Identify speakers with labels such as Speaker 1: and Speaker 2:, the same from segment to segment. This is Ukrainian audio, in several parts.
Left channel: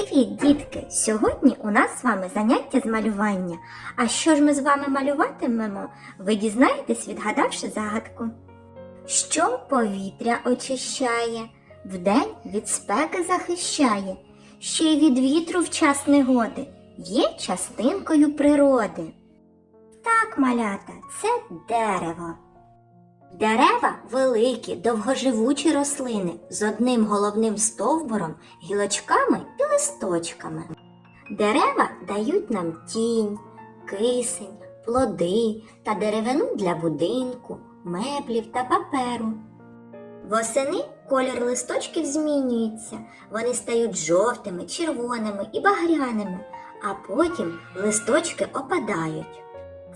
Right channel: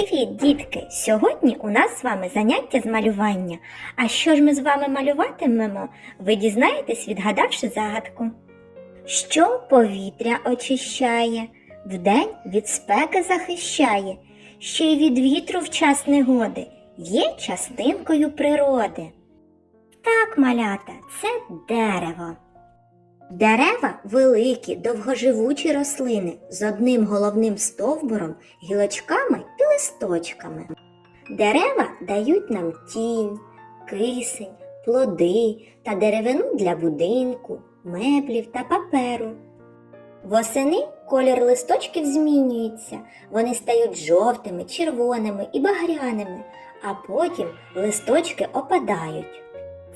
Speaker 1: Привіт, дітки! Сьогодні у нас з вами заняття з малювання. А що ж ми з вами малюватимемо? Ви дізнаєтесь, відгадавши загадку. Що повітря очищає, вдень від спеки захищає, ще й від вітру в час негоди, є частинкою природи. Так, малята, це дерево. Дерева великі, довгоживучі рослини з одним головним стовбуром, гілочками і листочками. Дерева дають нам тінь, кисень, плоди та деревину для будинку, меблів та паперу. Восени колір листочків змінюється, вони стають жовтими, червоними і багряними, а потім листочки опадають.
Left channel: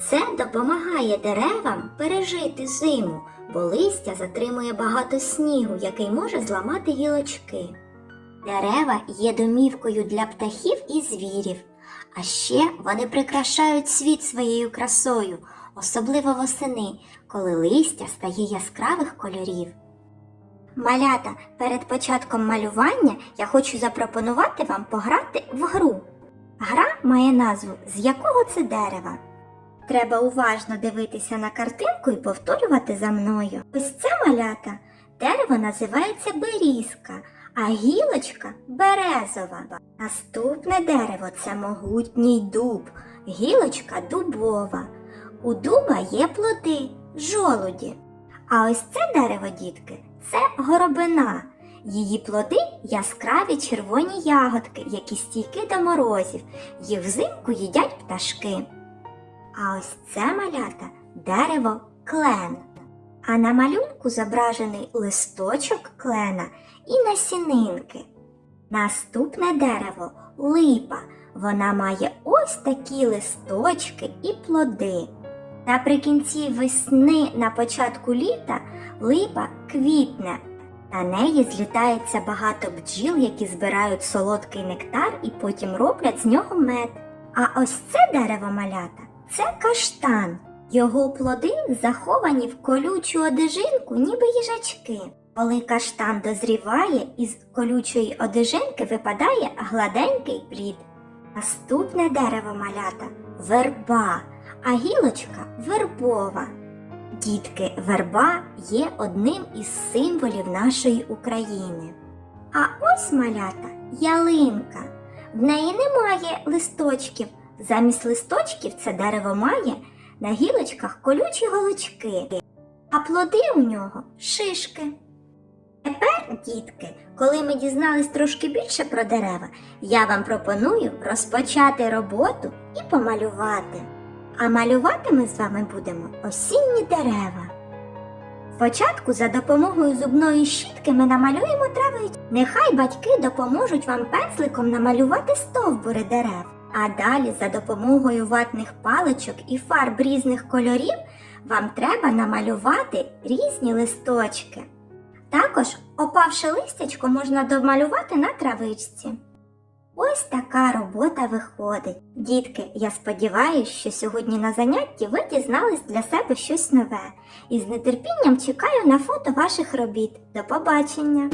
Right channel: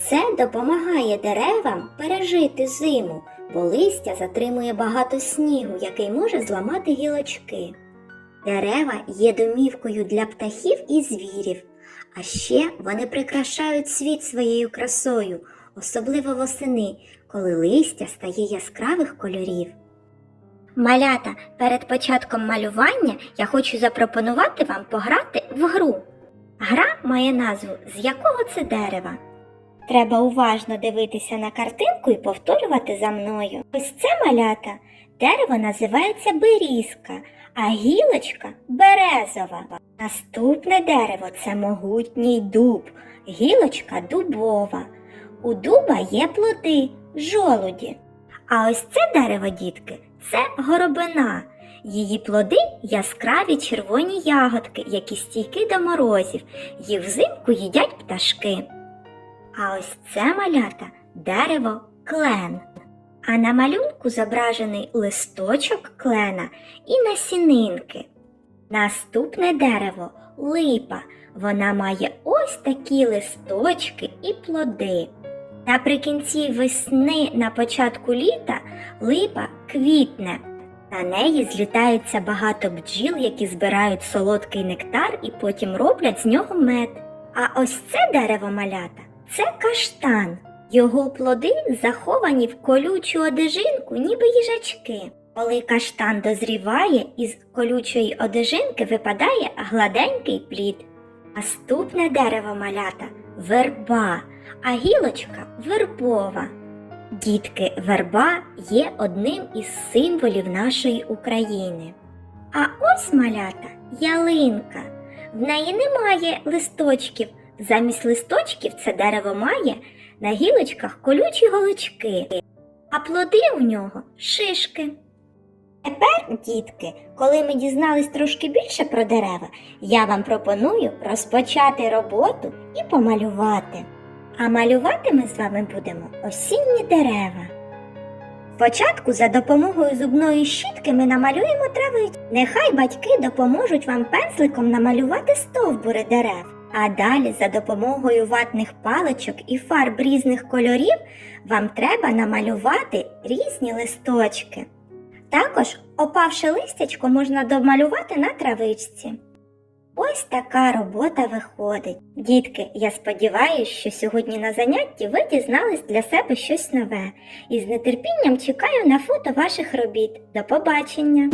Speaker 1: Це допомагає деревам пережити зиму, бо листя затримує багато снігу, який може зламати гілочки. Дерева є домівкою для птахів і звірів, а ще вони прикрашають світ своєю красою, особливо восени, коли листя стає яскравих кольорів. Малята, перед початком малювання я хочу запропонувати вам пограти в гру. Гра має назву З якого це дерева. Треба уважно дивитися на картинку і повторювати за мною. Ось це малята. Дерево називається берізка, а гілочка березова. Наступне дерево це могутній дуб, гілочка дубова. У дуба є плоди, жолуді. А ось це дерево, дітки, це горобина. Її плоди яскраві червоні ягодки, які стійкі до морозів. Їх взимку їдять пташки. А ось це малята дерево клен. А на малюнку зображений листочок клена і насінинки. Наступне дерево липа. Вона має ось такі листочки і плоди. Наприкінці весни на початку літа липа квітне. На неї злітається багато бджіл, які збирають солодкий нектар і потім роблять з нього мед. А ось це дерево малята це каштан. Його плоди заховані в колючу одежинку, ніби їжачки. Коли каштан дозріває, із колючої одежинки випадає гладенький плід. Наступне дерево малята верба, а гілочка вербова. Дітки, верба є одним із символів нашої України. А ось малята ялинка. В неї немає листочків. Замість листочків це дерево має на гілочках колючі голочки, а плоди у нього шишки. Тепер, дітки, коли ми дізнались трошки більше про дерева, я вам пропоную розпочати роботу і помалювати. А малювати ми з вами будемо осінні дерева. Спочатку за допомогою зубної щітки ми намалюємо травичку. Нехай батьки допоможуть вам пензликом намалювати стовбури дерев. А далі за допомогою ватних паличок і фарб різних кольорів вам треба намалювати різні листочки. Також опавши листячко можна домалювати на травичці. Ось така робота виходить. Дітки, я сподіваюся, що сьогодні на занятті ви дізнались для себе щось нове і з нетерпінням чекаю на фото ваших робіт. До побачення!